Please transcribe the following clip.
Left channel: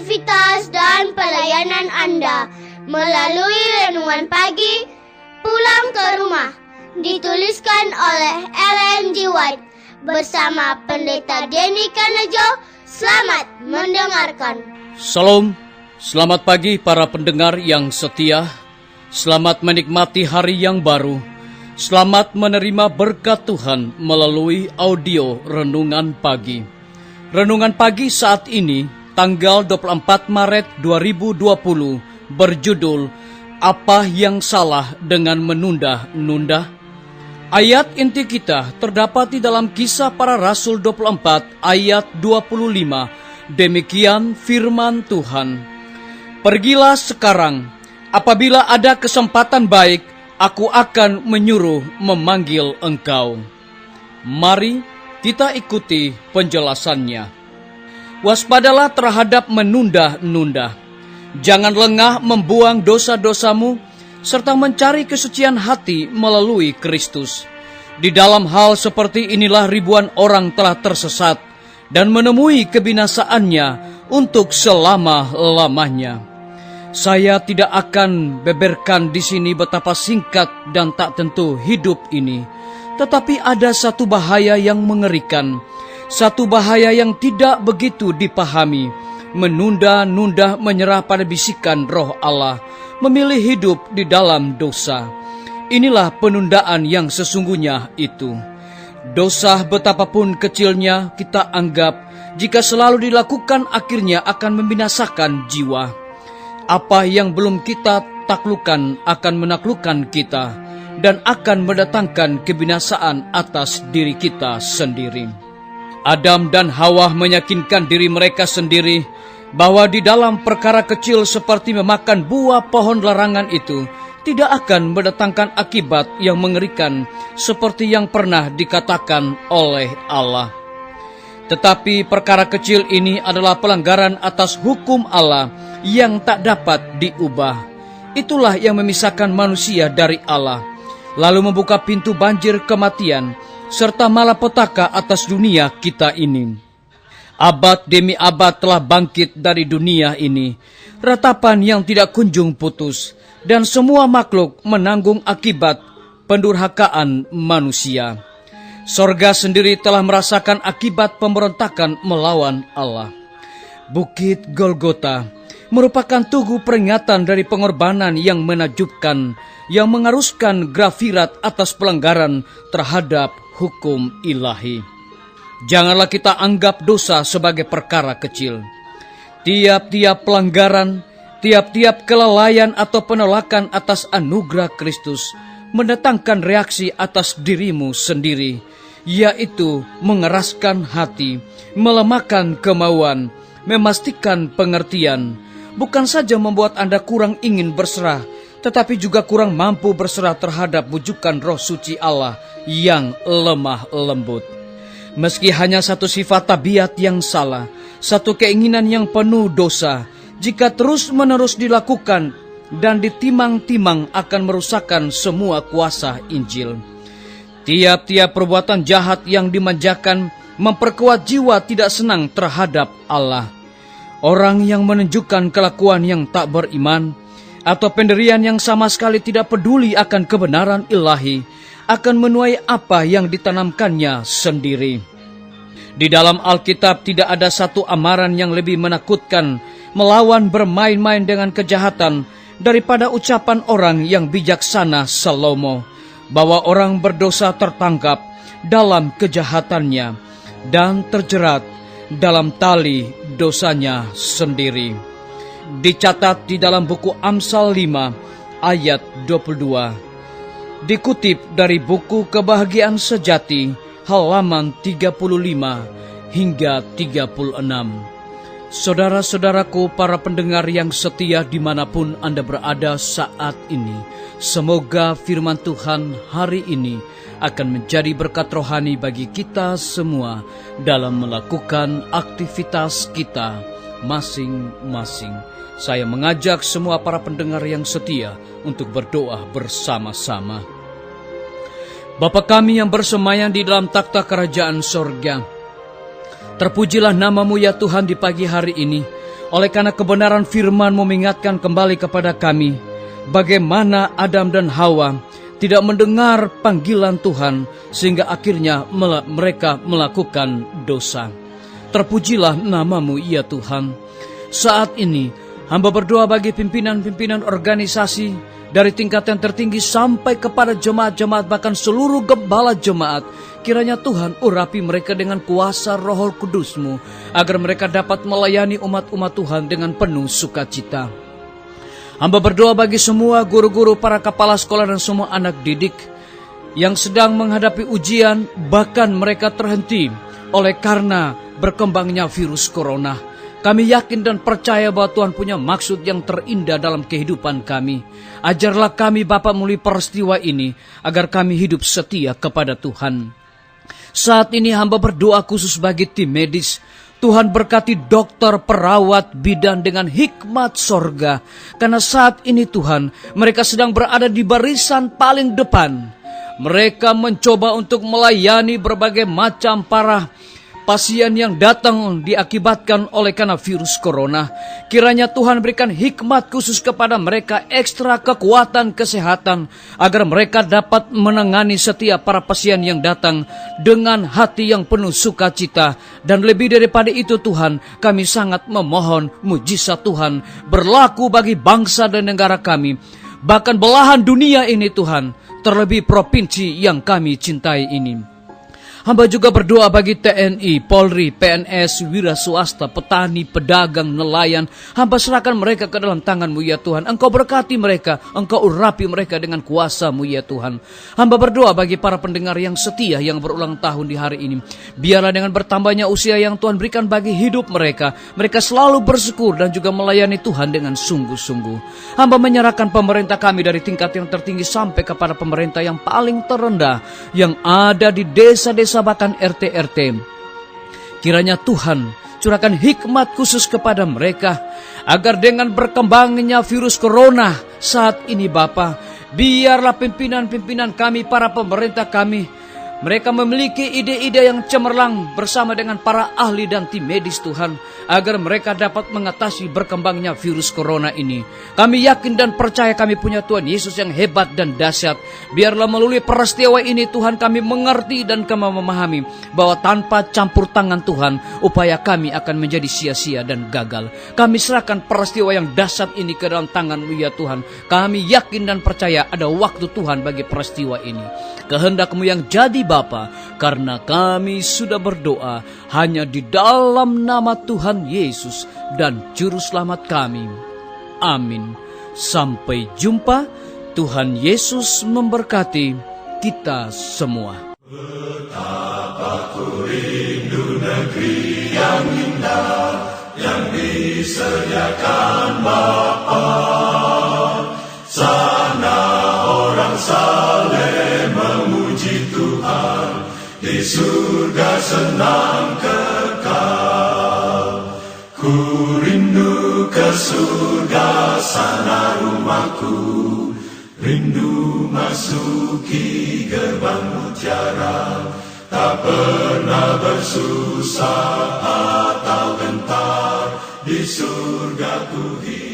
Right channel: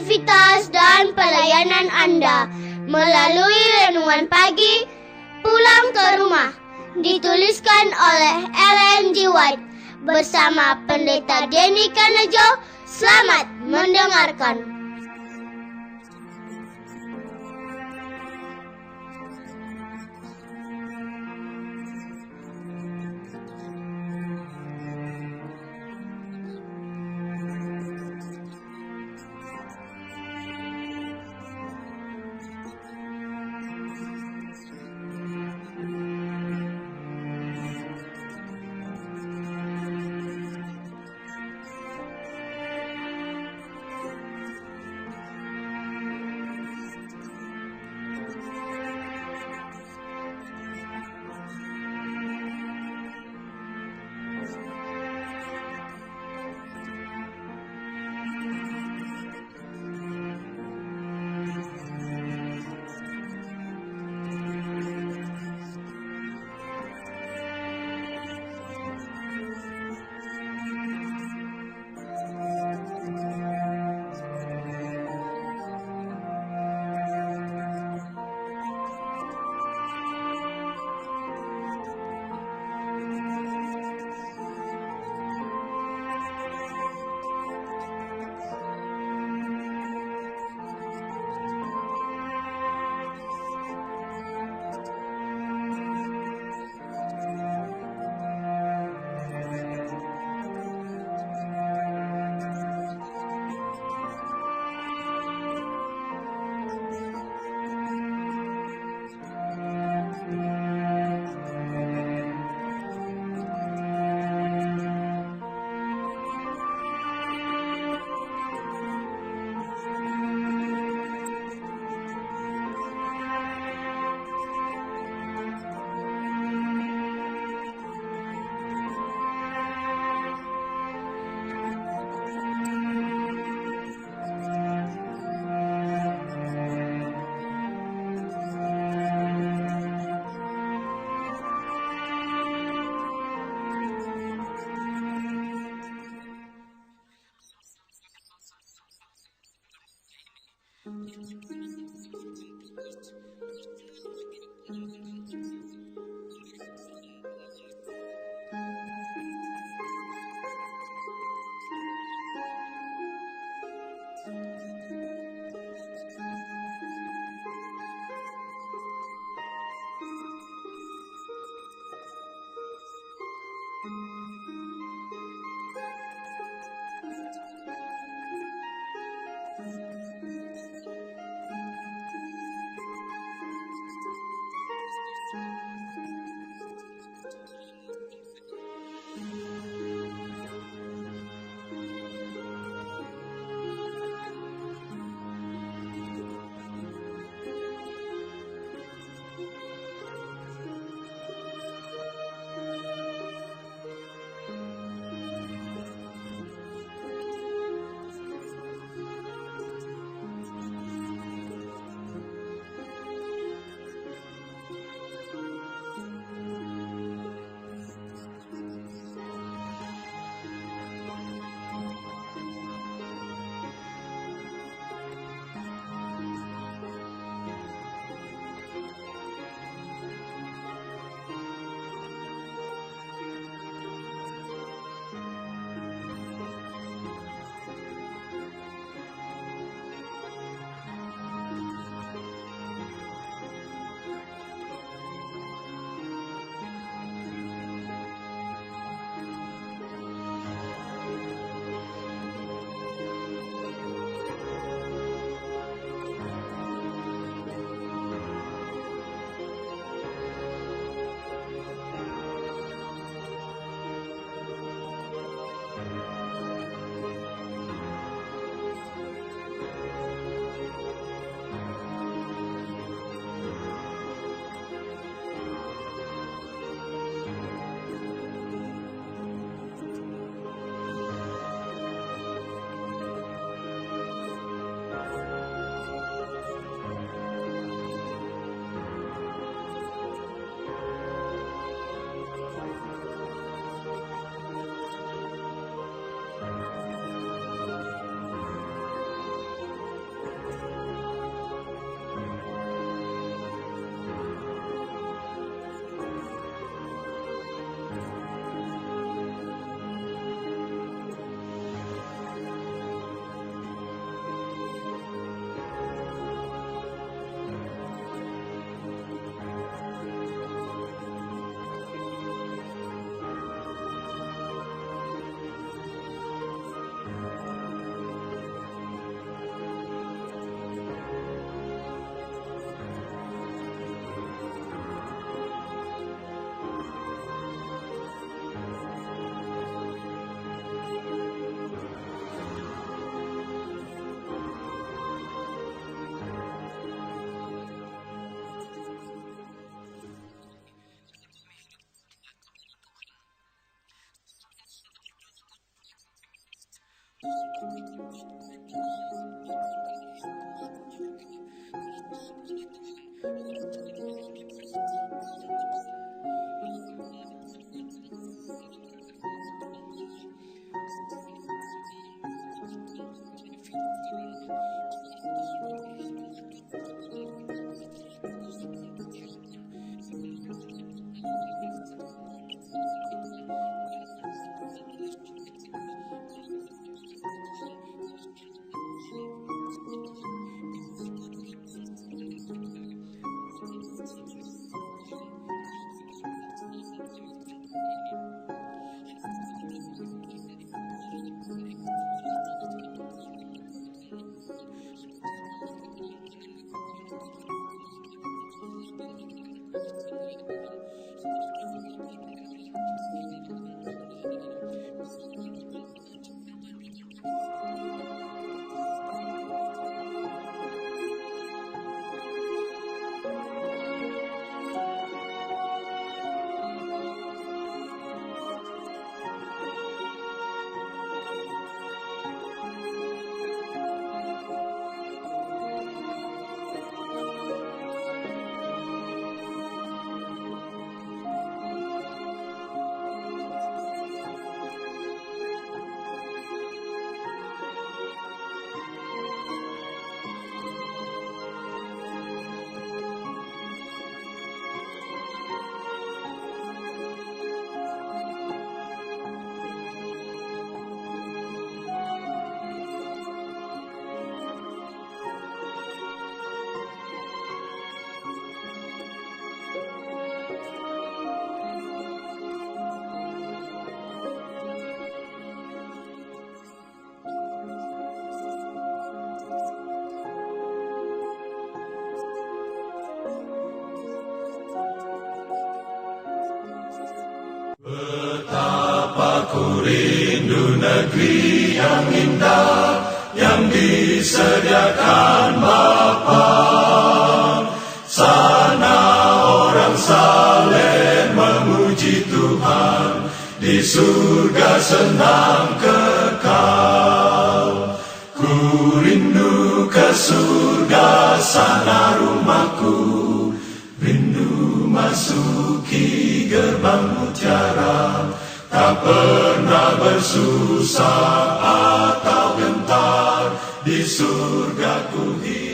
aktivitas dan pelayanan Anda melalui renungan pagi Pulang ke Rumah, dituliskan oleh Ellen G. White bersama Pendeta Denny Kanejo. Selamat mendengarkan. Salam, selamat pagi para pendengar yang setia. Selamat menikmati hari yang baru. Selamat menerima berkat Tuhan melalui audio Renungan Pagi. Renungan Pagi saat ini, tanggal 24 Maret 2020, berjudul Apa yang Salah dengan Menunda-nunda? Ayat inti kita terdapat di dalam Kisah Para Rasul 24 ayat 25. Demikian firman Tuhan. Pergilah sekarang, apabila ada kesempatan baik, aku akan menyuruh memanggil engkau. Mari kita ikuti penjelasannya. Waspadalah terhadap menunda-nunda. Jangan lengah membuang dosa-dosamu, serta mencari kesucian hati melalui Kristus. Di dalam hal seperti inilah ribuan orang telah tersesat dan menemui kebinasaannya untuk selama-lamanya. Saya tidak akan beberkan di sini betapa singkat dan tak tentu hidup ini, tetapi ada satu bahaya yang mengerikan, satu bahaya yang tidak begitu dipahami. Menunda-nunda menyerah pada bisikan Roh Allah, memilih hidup di dalam dosa. Inilah penundaan yang sesungguhnya itu. Dosa betapapun kecilnya kita anggap, jika selalu dilakukan akhirnya akan membinasakan jiwa. Apa yang belum kita taklukkan akan menaklukkan kita dan akan mendatangkan kebinasaan atas diri kita sendiri. Adam dan Hawa meyakinkan diri mereka sendiri bahwa di dalam perkara kecil seperti memakan buah pohon larangan itu tidak akan mendatangkan akibat yang mengerikan seperti yang pernah dikatakan oleh Allah. Tetapi perkara kecil ini adalah pelanggaran atas hukum Allah yang tak dapat diubah. Itulah yang memisahkan manusia dari Allah, lalu membuka pintu banjir kematian serta malapetaka atas dunia kita ini. Abad demi abad telah bangkit dari dunia ini, ratapan yang tidak kunjung putus, dan semua makhluk menanggung akibat pendurhakaan manusia. Sorga sendiri telah merasakan akibat pemberontakan melawan Allah. Bukit Golgota merupakan tugu peringatan dari pengorbanan yang menakjubkan, yang mengharuskan grafirat atas pelanggaran terhadap hukum ilahi. Janganlah kita anggap dosa sebagai perkara kecil. Tiap-tiap pelanggaran, tiap-tiap kelalaian atau penolakan atas anugerah Kristus mendatangkan reaksi atas dirimu sendiri, yaitu mengeraskan hati, melemahkan kemauan, memastikan pengertian, bukan saja membuat Anda kurang ingin berserah, tetapi juga kurang mampu berserah terhadap bujukan Roh Suci Allah yang lemah lembut. Meski hanya satu sifat tabiat yang salah, satu keinginan yang penuh dosa, jika terus-menerus dilakukan dan ditimang-timang akan merusakkan semua kuasa Injil. Tiap-tiap perbuatan jahat yang dimanjakan memperkuat jiwa tidak senang terhadap Allah. Orang yang menunjukkan kelakuan yang tak beriman atau pendirian yang sama sekali tidak peduli akan kebenaran ilahi akan menuai apa yang ditanamkannya sendiri. Di dalam Alkitab tidak ada satu amaran yang lebih menakutkan melawan bermain-main dengan kejahatan daripada ucapan orang yang bijaksana Salomo, bahwa orang berdosa tertangkap dalam kejahatannya dan terjerat dalam tali dosanya sendiri. Dicatat di dalam buku Amsal 5 ayat 22. Dikutip dari buku Kebahagiaan Sejati halaman 35 hingga 36. Saudara-saudaraku, para pendengar yang setia dimanapun Anda berada saat ini, semoga firman Tuhan hari ini akan menjadi berkat rohani bagi kita semua dalam melakukan aktivitas kita masing-masing. Saya mengajak semua para pendengar yang setia untuk berdoa bersama-sama. Bapa kami yang bersemayam di dalam takhta kerajaan sorga, terpujilah namamu ya Tuhan di pagi hari ini. Oleh karena kebenaran firman mengingatkan kembali kepada kami, bagaimana Adam dan Hawa tidak mendengar panggilan Tuhan, sehingga akhirnya mereka melakukan dosa. Terpujilah namamu ya Tuhan. Saat ini, hamba berdoa bagi pimpinan-pimpinan organisasi, dari tingkat yang tertinggi sampai kepada jemaat-jemaat, bahkan seluruh gembala jemaat. Kiranya Tuhan urapi mereka dengan kuasa Roh Kudus-Mu, agar mereka dapat melayani umat-umat Tuhan dengan penuh sukacita. Hamba berdoa bagi semua guru-guru, para kepala sekolah, dan semua anak didik yang sedang menghadapi ujian, bahkan mereka terhenti oleh karena berkembangnya virus corona. Kami yakin dan percaya bahwa Tuhan punya maksud yang terindah dalam kehidupan kami. Ajarlah kami Bapa melalui peristiwa ini, agar kami hidup setia kepada Tuhan. Saat ini hamba berdoa khusus bagi tim medis. Tuhan berkati dokter, perawat, bidan dengan hikmat sorga. Karena saat ini Tuhan, mereka sedang berada di barisan paling depan. Mereka mencoba untuk melayani berbagai macam para pasien yang datang diakibatkan oleh karena virus corona. Kiranya Tuhan berikan hikmat khusus kepada mereka, ekstra kekuatan kesehatan, agar mereka dapat menangani setiap para pasien yang datang dengan hati yang penuh sukacita. Dan lebih daripada itu Tuhan, kami sangat memohon mujizat Tuhan berlaku bagi bangsa dan negara kami, bahkan belahan dunia ini Tuhan, terlebih provinsi yang kami cintai ini. Hamba juga berdoa bagi TNI, Polri, PNS, wira swasta, petani, pedagang, nelayan. Hamba serahkan mereka ke dalam tangan-Mu ya Tuhan. Engkau berkati mereka, Engkau urapi mereka dengan kuasa-Mu ya Tuhan. Hamba berdoa bagi para pendengar yang setia yang berulang tahun di hari ini. Biarlah dengan bertambahnya usia yang Tuhan berikan bagi hidup mereka, mereka selalu bersyukur dan juga melayani Tuhan dengan sungguh-sungguh. Hamba menyerahkan pemerintah kami dari tingkat yang tertinggi sampai kepada pemerintah yang paling terendah, yang ada di desa-desa bahkan RT-RT. Kiranya Tuhan curahkan hikmat khusus kepada mereka, agar dengan berkembangnya virus corona saat ini Bapa, biarlah pimpinan-pimpinan kami, para pemerintah kami, mereka memiliki ide-ide yang cemerlang bersama dengan para ahli dan tim medis Tuhan, agar mereka dapat mengatasi berkembangnya virus corona ini. Kami yakin dan percaya kami punya Tuhan Yesus yang hebat dan dahsyat. Biarlah melalui peristiwa ini Tuhan kami mengerti dan kami memahami bahwa tanpa campur tangan Tuhan, upaya kami akan menjadi sia-sia dan gagal. Kami serahkan peristiwa yang dahsyat ini ke dalam tangan-Mu ya Tuhan. Kami yakin dan percaya ada waktu Tuhan bagi peristiwa ini. Kehendak-Mu yang jadi Bapa, karena kami sudah berdoa hanya di dalam nama Tuhan Yesus dan Juru Selamat kami. Amin. Sampai jumpa. Tuhan Yesus memberkati kita semua. Betapa ku rindu negeri yang indah yang disediakan Bapa. Sana orang saleh memuji Tuhan, di surga senang kekal. Ku rindu ke surga, sana rumahku, rindu masuki gerbang mutiara, tak pernah bersusah atau gentar, di surga ku hidup.